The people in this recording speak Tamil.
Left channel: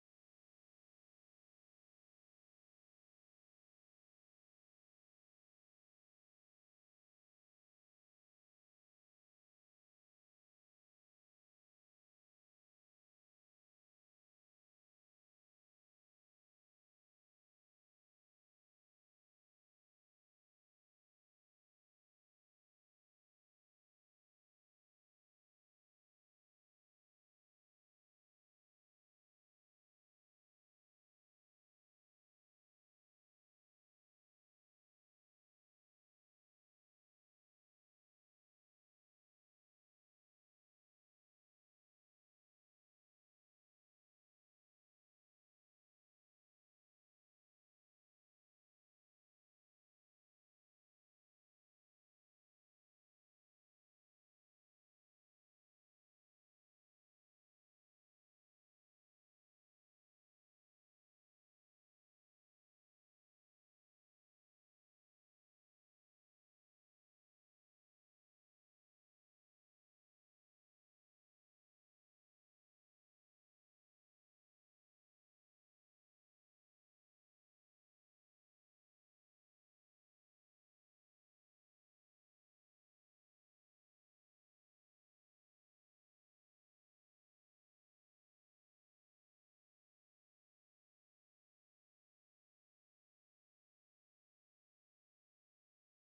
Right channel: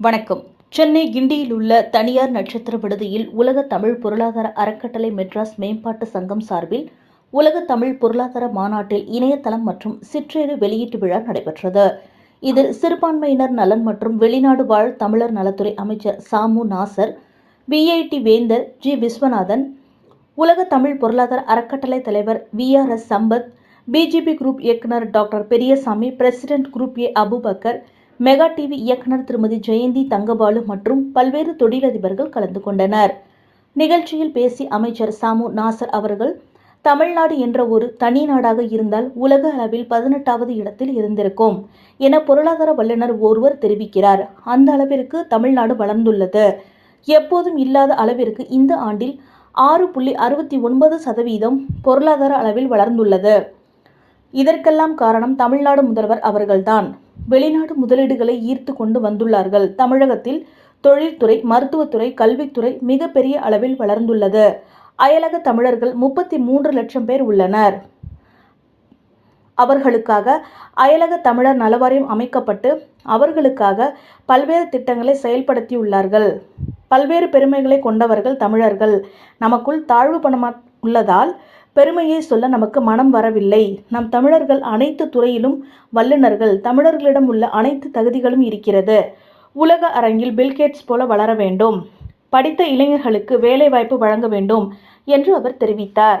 வணக்கம். சென்னை கிண்டியில் உள்ள தனியார் நட்சத்திர விடுதியில் உலக தமிழ் பொருளாதார அறக்கட்டளை மெட்ராஸ் மேம்பாட்டு சங்கம் சார்பில் உலக தமிழ் பொருளாதார மாநாட்டில் இணையதளம் மற்றும் சிற்றேடு வெளியீட்டு விழா நடைபெற்றது. இதில் சிறுபான்மையினர் நலன் மற்றும் வெளிநாடு வாழ் தமிழர் நலத்துறை அமைச்சர் சாமு நாசர், விஐடி வேந்தர் ஜி விஸ்வநாதன், உலக தமிழ் பொருளாதார அறக்கட்டளை தலைவர் VRS சம்பத், பிஜிபி குரூப் இயக்குனர் doctor Periyasamy, president group A Abubakar, mega TV இயக்குனர் திருமதி ஜெயந்தி தங்கபாலு மற்றும் பல்வேறு தொழிலதிபர்கள் கலந்து கொண்டனர். நிகழ்ச்சியில் பேசிய அமைச்சர் சாமு நாசர் அவர்கள், தமிழ்நாடு என்ற ஒரு தனி நாடாக இருந்தால் உலக அளவில் 18வது இடத்தில் இருந்திருக்கும் என பொருளாதார வல்லுநர் ஒருவர் தெரிவிக்கிறார். அந்த அளவிற்கு தமிழ்நாடு வளர்ந்துள்ளது. எப்போதும் இல்லாத அளவிற்கு இந்த ஆண்டில் 6.69% பொருளாதார அளவில் வளர்ந்துள்ளது. இதற்கெல்லாம் காரணம் தமிழ்நாடு முதல்வர் அவர்கள்தான். வெளிநாடு முதலீடுகளை ஈர்த்து கொண்டு வந்துள்ளார்கள். தமிழகத்தில் தொழில்துறை, மருத்துவத்துறை, கல்வித்துறை மிகப்பெரிய அளவில் வளர்ந்துள்ளது. அயலக தமிழர்கள் 33 லட்சம் பேர் உள்ளனர். அவர்களுக்காக அயலக தமிழர் நலவாரியம் அமைக்கப்பட்டு அவர்களுக்காக பல்வேறு திட்டங்களை செயல்படுத்தியுள்ளார்கள். பல்வேறு பெருமைகளை கொண்டவர்கள் தமிழர்கள். நமக்குள் தாழ்வு பணம் உள்ளதால் பெருமையை சொல்ல நமக்கு மனம் வரவில்லை. நம் தமிழர்கள் அனைத்து துறையிலும் வல்லுநர்கள். தமிழர்களிடம் உள்ள அனைத்து தகுதிகளும் இருக்கிறது. உலக அரங்கில் பில்கேட்ஸ் போல வளர வேண்டும். படித்த இளைஞர்களுக்கு வேலை வாய்ப்பு வழங்க வேண்டும் என்று அவர் தெரிவித்தார்.